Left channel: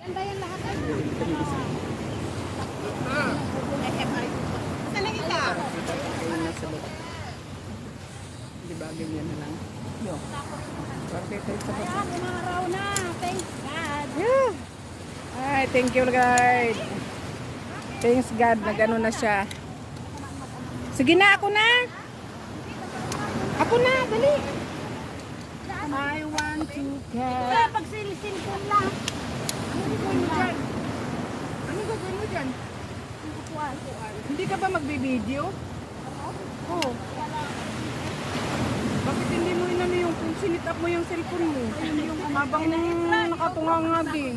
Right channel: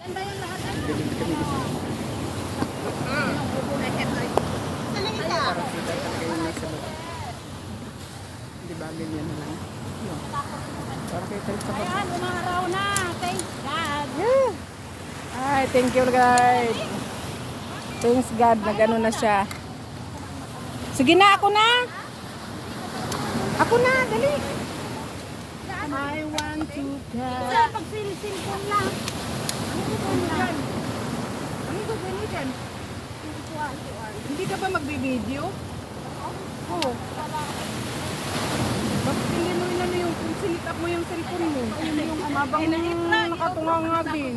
Yan ba yung lahat? Bilhin kami isa. Saan ang ito? Para kita talaga yung nasa loob. Di ba, ganyan na lang. Yun. Para kita yung sa baba. Ayan, umaraw na. Thank God. Woo! Ay, thank you guys. Thanks God, nag-ano na siya. Sige na, ako na. Ako na, dali. I want to go. Kasi pag silpon lang. Ano ba mo dyan? Ang gagawin mo dyan? Tukuan. Hindi ka ba magbibideo? Oo. Bakit hindi mo inano yung kung sinit up mo yung cellphone mo? Habang nakatunga nga din.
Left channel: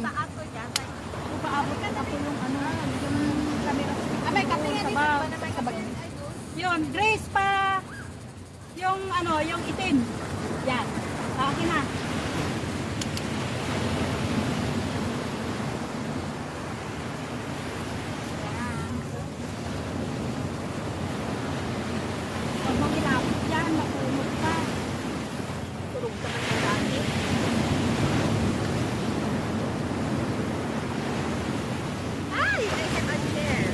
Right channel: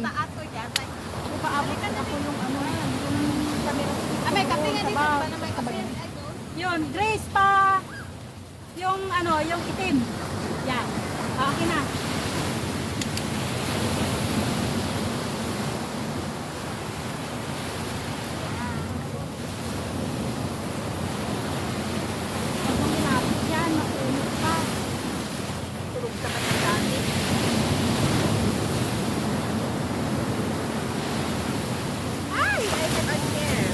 So, paabot ako yung ano, yung camera stick. May kape nga dito. May kape. Yun, Grace pa. Yung ano, yung itim. Yan. Okay na. Ang bumilapit yan, mapunog pa. Tulog ka man ng dati. Ay, I hope I'm there.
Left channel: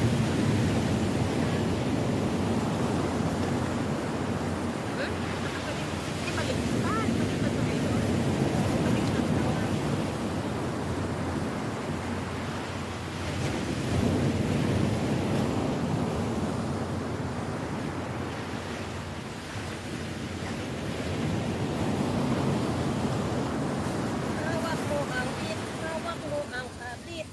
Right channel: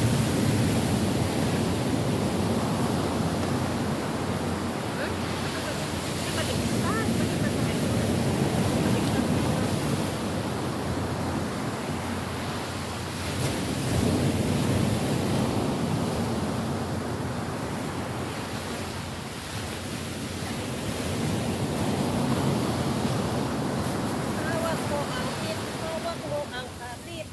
Hawak mo ang kit, hawak mo ang kapit.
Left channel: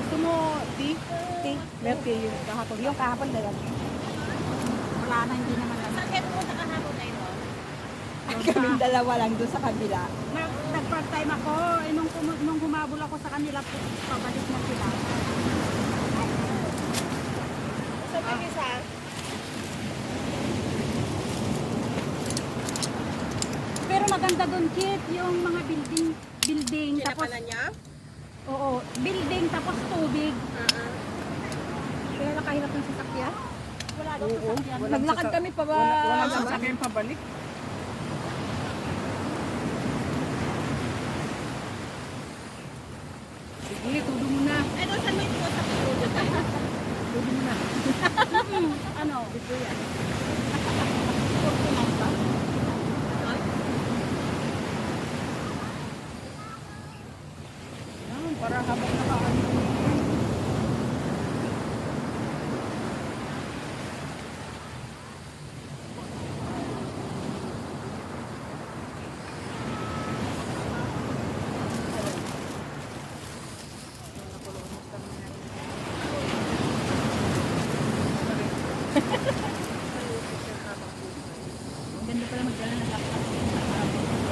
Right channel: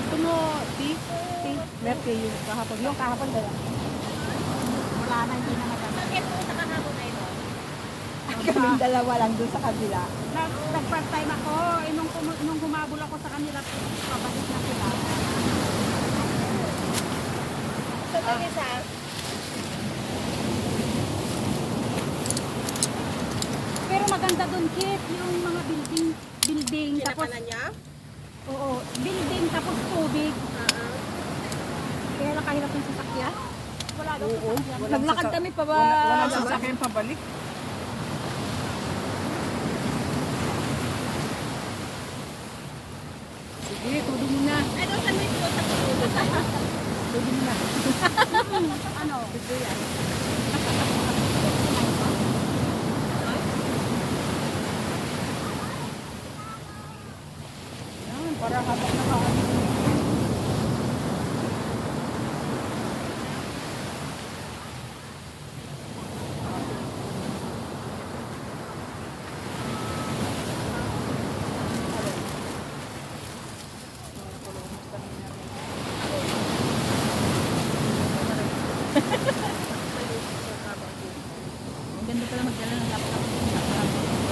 Gusto mo, tea? Merke yung kahapon. Yung kahapon dala. Wala na, hindi naman lang. Bakit mo sa kahapon ngayon? Kaming dalawa lang doon sa kabila. Nag-part time ako, nung humabol ako sa kanila, pabalik na sila. Saan yung isa? Pero maganda doon, Kit, yung mga building, tapos, niya? oo, building, tapos tubig. Kaya lang kahirap yung sasakyan. Wala daw Oo, sasakyan. walang Naglakad sasa- kami pa ba? Walang sasakyan pabalik. Sige, tudo mo na. Ano, saan mo ito sa tutulog? Tudo mo na. Ano? Ito yan. Yan, para habang nakaano. Ang ganda pala magdala ng laptop.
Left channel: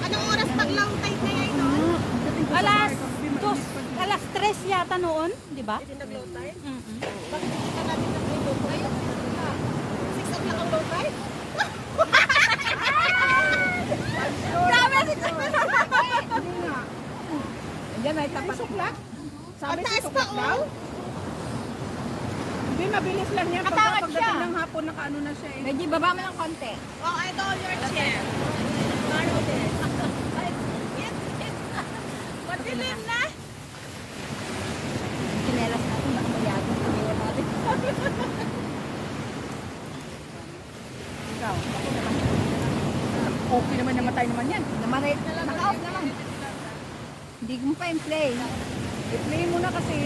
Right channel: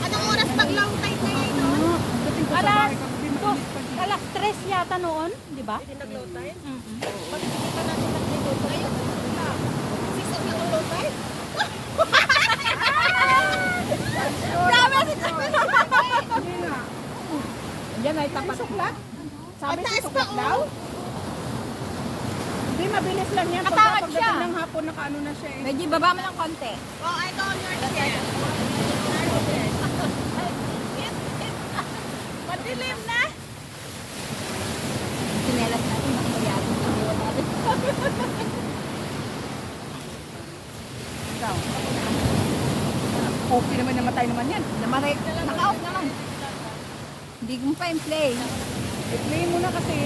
Anong oras pag-low tide na rin, no? Pagdating ko sa bahay, pagdabi mainit pag Alas 3 yata noon, di ba? Hindi nag-low tide? Mm-hmm. Bakit hindi pa natin nag-low tide? Ayun, 6 ang naka-low tide? Hindi nga. Yan ay tapat. Suklat? Sabi Ang sa taas suklat pa, daw? oh. Hindi, mabilis lang yan. Matawad Pagdating siya. ng hapon, nakaano na siya eh. Medyo baba mo ng konti. Oh, I know your Madilim na! Sinelas natin, baka mayagod. Inuwan natin. Ikaw. Okay naman, namatay naman yan. Namaray, naka-off naman. Hindi mo pa in play. I-play mo na kasi.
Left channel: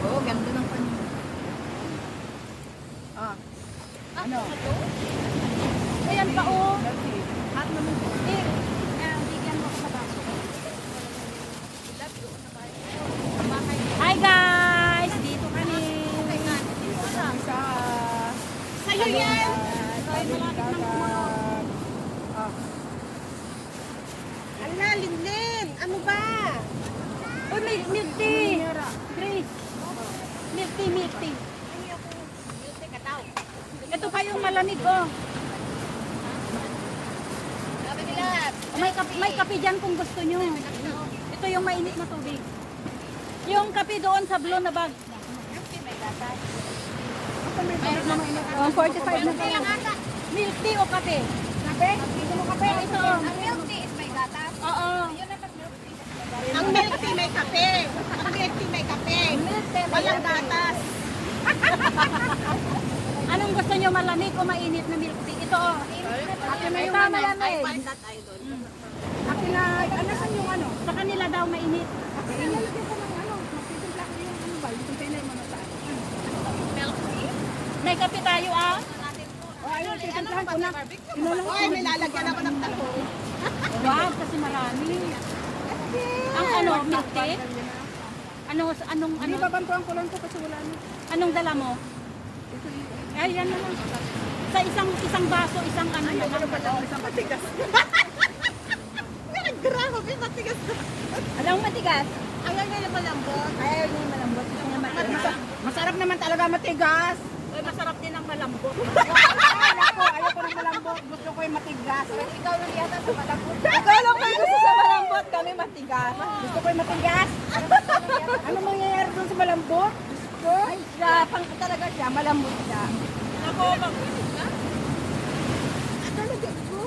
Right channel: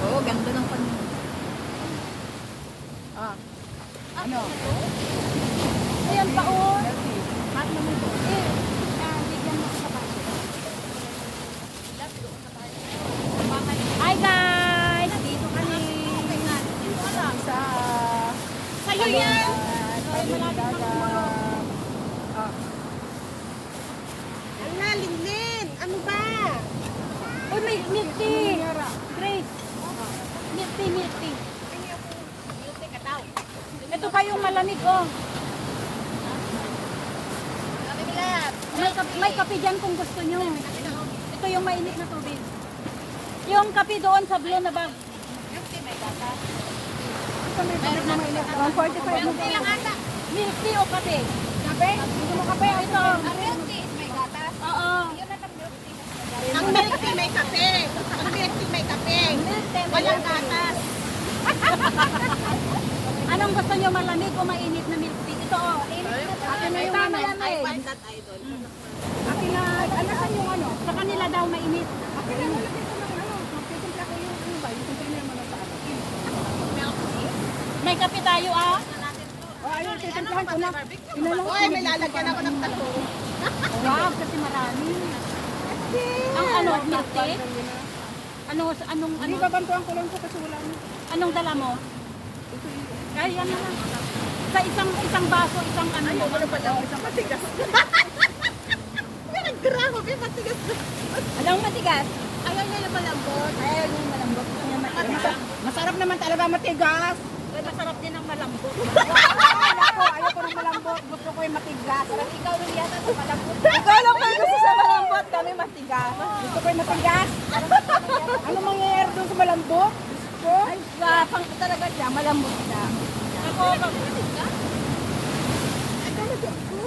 Oo, ganda ng kanya. Ah. Ano? Ayan pa, oh. Healthy. Hot naman to. Bigyan mo sa baso. Hi guys! Dito kami. Sa... Sa'yo yan! Dagat. Ah. Ala, Linlin! Ano ba? Oh, may milk tea! Grace! Milk tea, milk tea. Ito pa yung malamig, oh. May kape dyan kung gusto nyo. Ito yung mainit na tubig. Yung kape doon sa blue na bag. tea, may gatas. Mayroon na mainit. 145 Milk tea lang ata. Milk tea o kape? Kape? Gusto mo kape? Ito. Ang milk tea is may gatas. Oo. Yun na pang milk tea. Mas may gatas. Ang milk tea may kape. Ang milk tea may kape. Milk tea, may Walang gatas. gatas. Anong gusto nyo, malamig o mainit na milk tea? Ito, oh. Akin na yung malamig. Akin na, ano saan yung ano? Sa kanila daw mainit. Okay, lalagyan ko ng ano, magtitimpla ko yung ano ba, yung container mo na sa akin. Milk tea? May kape tayo, ah. Ano natin to? O ayun, Ano titimplahan ba ko na. barbecue? Inalang ko Oy, may lalagyan ako ng taho. Wow, kasi marami. Ang ano, milk tea? Anong, Hindi, babantuan ko lang to kasi wala na. anong dala mo? Ay, yan na. Sa isang baso, isang ano. Isang matigas. Grabe, matigas. Anong matigas? Ayaw na naman malambot. Ayaw niya yung malambot. Gusto niya matigas. Masarap naman talaga matigas. Ay, masarap din ang malambot. Ay, nako, ayaw ko ng malambot. Gusto ko yung matigas. Ikaw lang yata sa malambot. Ikaw lang may gusto sa malambot. Kami matigas. Gusto ko yung matigas. Ano mangyayari doon sa malambot? Gusto ko? Ay, pang talaga siya. Malambot siya. Ako, mag-inig ka? Talaga po.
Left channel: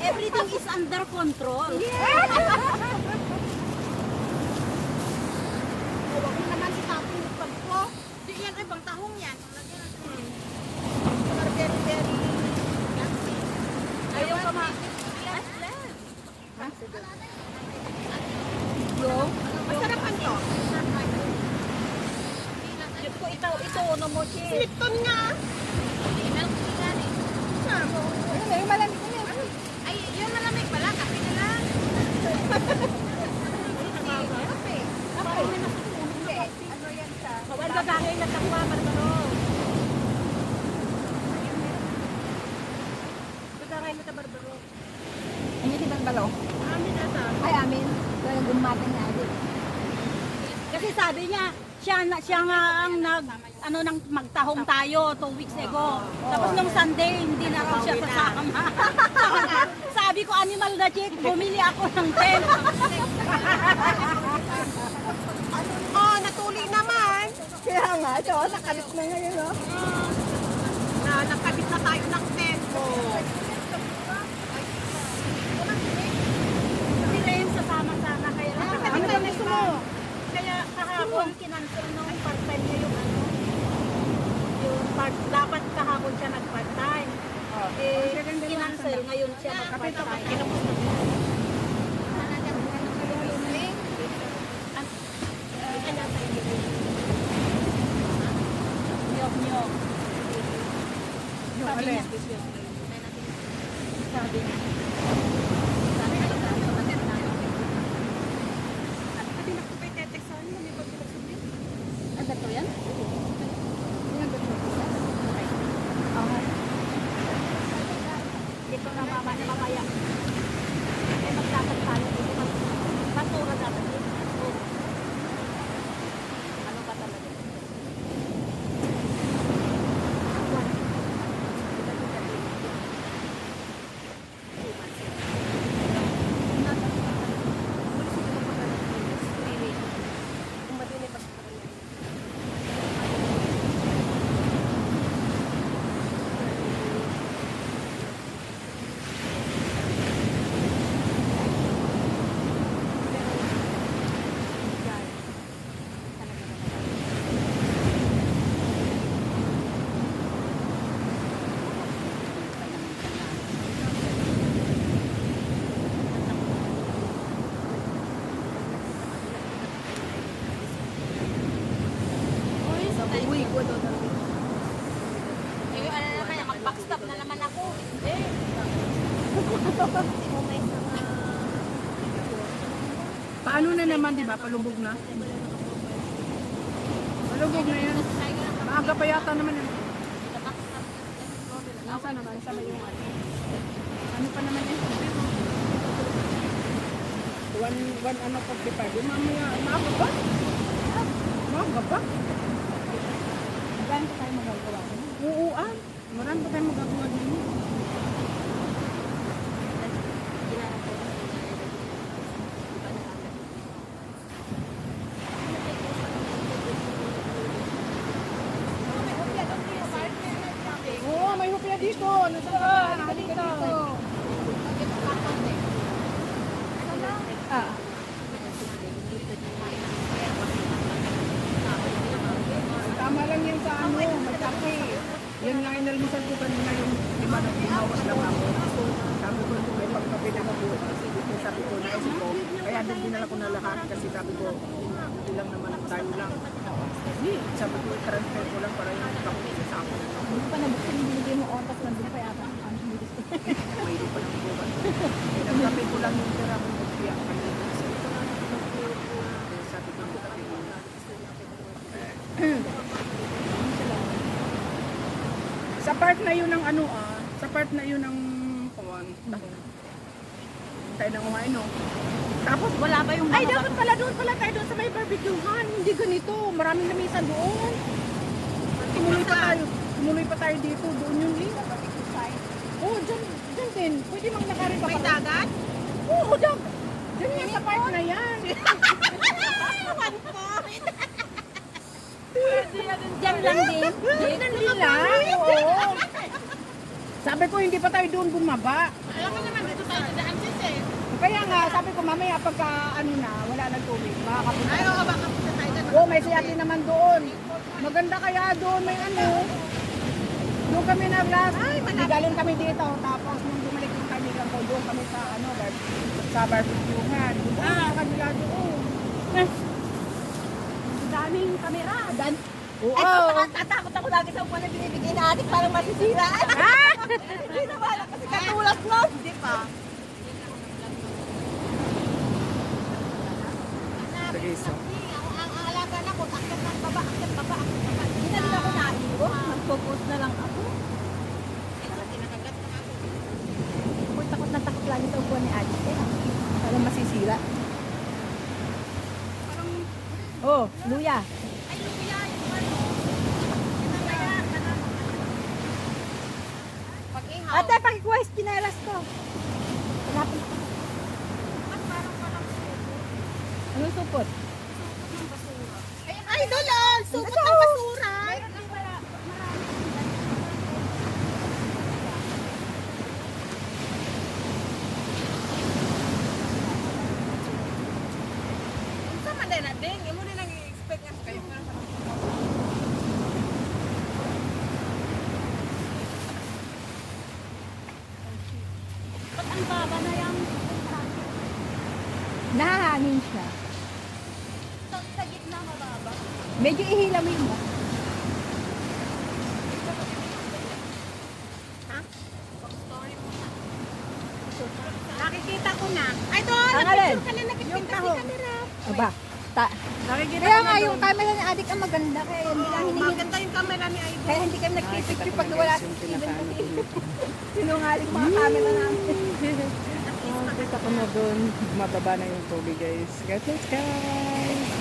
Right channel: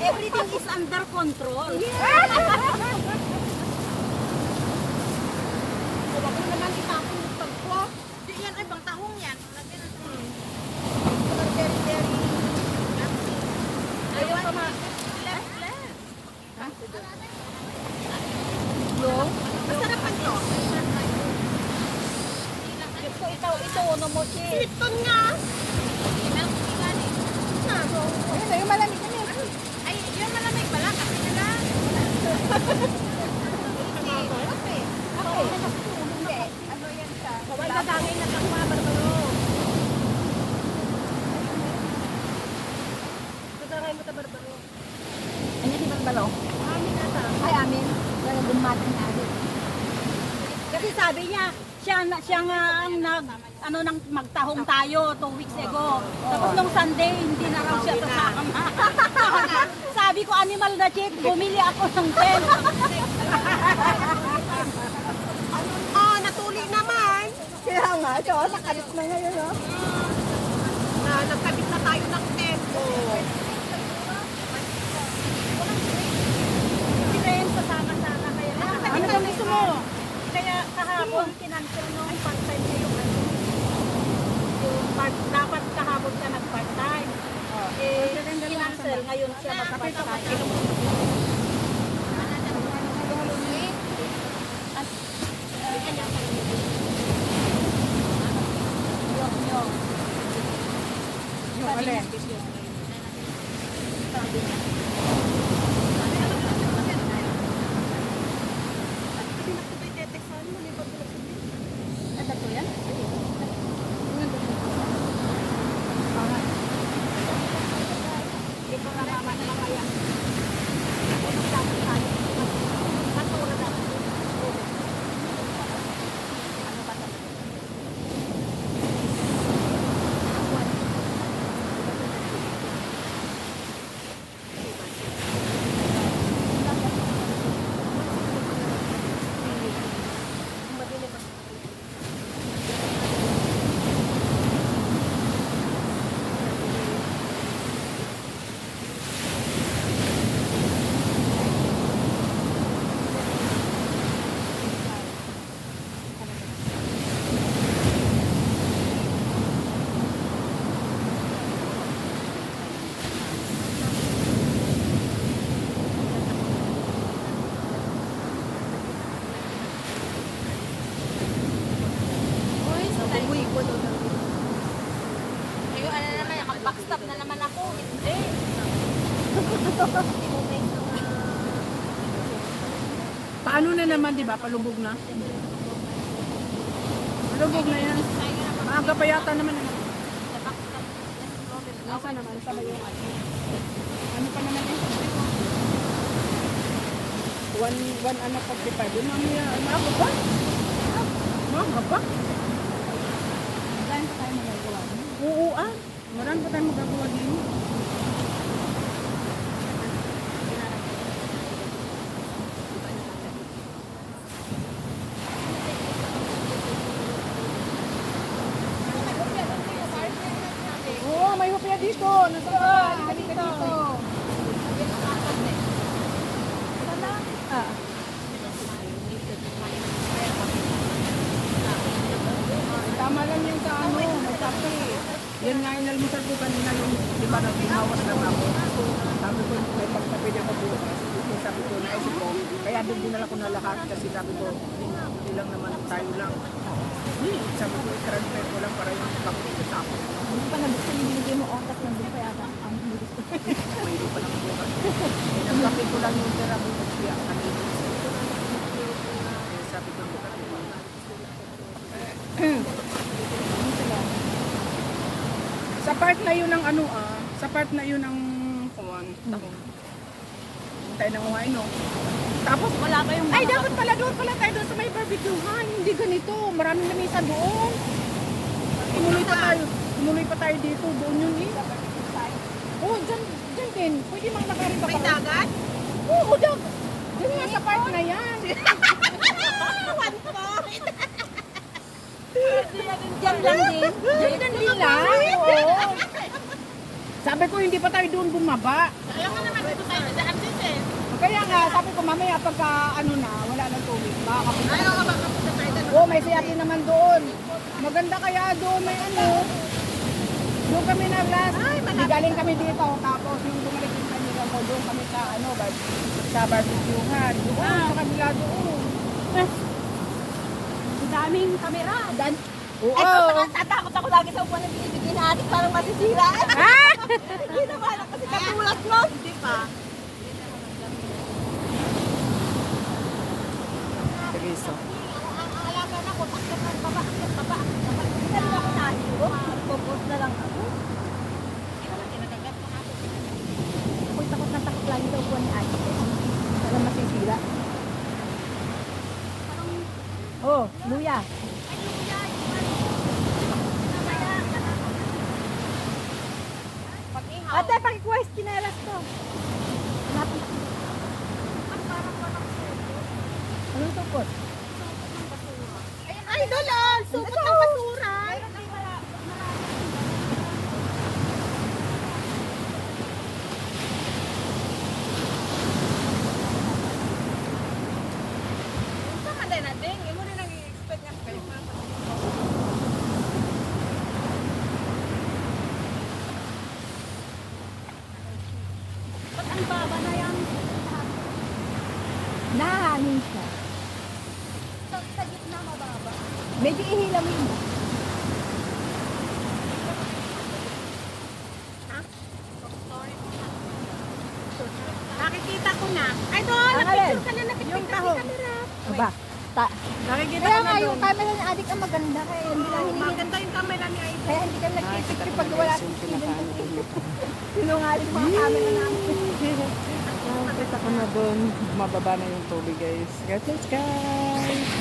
Everything is under control. Huwag mo naman itapon yung pag ko. Di yan ay bang tahong yan. Ang lagyan natin. Very, very. I want it less. Masarapan to. Ito, ano mo, chi. Lipton nga. Milk tea yan eh. Ayun na, yung malamig na yun. Ay, yung malamig pala. Kape na lang. Ano yan siya? Bawal ba bagay na takwa, Barbaro? Pagkakay mo sa Barbaro. Ano si Barbalo? Ay, amin. Talaga gumatang na agad. Kasi sabi niya, siya nga ang nang magtahong tayo 2 weeks ago. Tapos nung Sunday, hindi na raw siya sasama. Sabi ko, animal na chick, bumili ako ng tent. Oh, natuloy naman. Kaya nga, so, nakalit na ngayon, no? Nagkabit na tayo ng tempo. Ren, sasama sana kaya lang. Ano bang gusto mo? Kaya kahapon, kinancel nung part-time niya yung ano. Dapat kahapon siya nag-part-time. Kinancel, ngayon siya mag-part-time. Yung alin? Ano to yan? Dito na mamaya. Kung maglasag tayo dito, basura dapat yun. Oo. Ano ba talaga? Ay, ano naman yan, mag-backstop na naman ako. Hindi. Paano na naman, di ba? Palubog na. Palubog na yan. Maaga pa yata naman na ako. Backstop. Nasa naman, sabay yung ano. Ano pa naman yun? One ano pag pa. Di mamaya, maaga ba? Maaga ba? Magkano pa tayo magagawa? Oo, marami pa tayong magagawa din. dito. Nasa halika dito. Ah. Tama lang yung sa ano, may kape. Yan nga yung nalmusal ko kanina yung di ba naghihawas lang ako. Sabi ko may pagkape na ako bukas. Sabi ko, naisip ko, kaya din dinala ko na lahat kasi sabi ko, hindi lang naman tayo lang. Sabi ko, i-transfer ko lang para yung kape sa ako. Hindi pa nabuksan yung binigay mo otas nandun pa yata. Ang bilis ko. Mayroon pa ng bukas. Nagkape ko lang yung tira ko siya kanina. Sabi ko, nagkape ko lang. Sa part na yun ng ano sa part na yun ng kuwan, takong. Tayo nang kumain, no? Tapos Wala ba yung... ay, dapat pala doon pala tayo doon sa may barbecuehan. Hindi ganito. Maraming lamisan doon. Tumuloy pa tayo dito. Doon yun eh. Sa barbecue site. Oo, dyan din. Pwede mang nakarin pa May pala. dagat? Oo, dyan yan sa part na yan. Diyan lang din. Hindi lang. Oo. Sabi ko, hindi pa tayo doon bumaba. Kaya nga naman dito tayo dadaan din eh. Kaya nga, sabi ko, mamaya pagka ano na, wala nang tubig. Makakapunta. Ay, oo, baka punta tayo dyan. Oo, may siyakin naman doon. Maganda kaya doon, may ano. Doon kami na last. Galing kami dito. Tapos nung bumalik yung kaibigan ko, doon kami sa ano, sa barbecuehan. Doon, sa kanila doon. Ang daming kamera. Oo. Tatakot ako lagi sa upuan na binibigay natin parang masisira. Hindi naman kasi katulad mo. Hindi pa. Sige, so. Hindi na rin ako nahiro. Mag-focus na lang ako. Takot na taklan sa upuan ni Ate. Parang masisira. Oh, luya. Ate, pakikuha yung kinelas ko. Anong supot? Ay, doon! Supot ng basura! Sama na natin. Hindi mo rin nag-expect nga kayo. Nahangin siya. Sa gitna mababa. Medyo ihilam yun. Nakikita ko na. Ay, doon! Ano rin? Yung tahong. Aba. Nakikita Kaya ko na nga yung doon. camera ni Adik ang maganda. Kaya hindi lang hinihingi. Maganda yung camera ni Ivy. Kaya hindi kami Nakikita nagpipicture ko pag na wala guys si yung Steven. pinakaano doon nito. Sinungaling mga camera namin. Nakikita ko na doon. Mababa na yung tubig guys. God bless guys.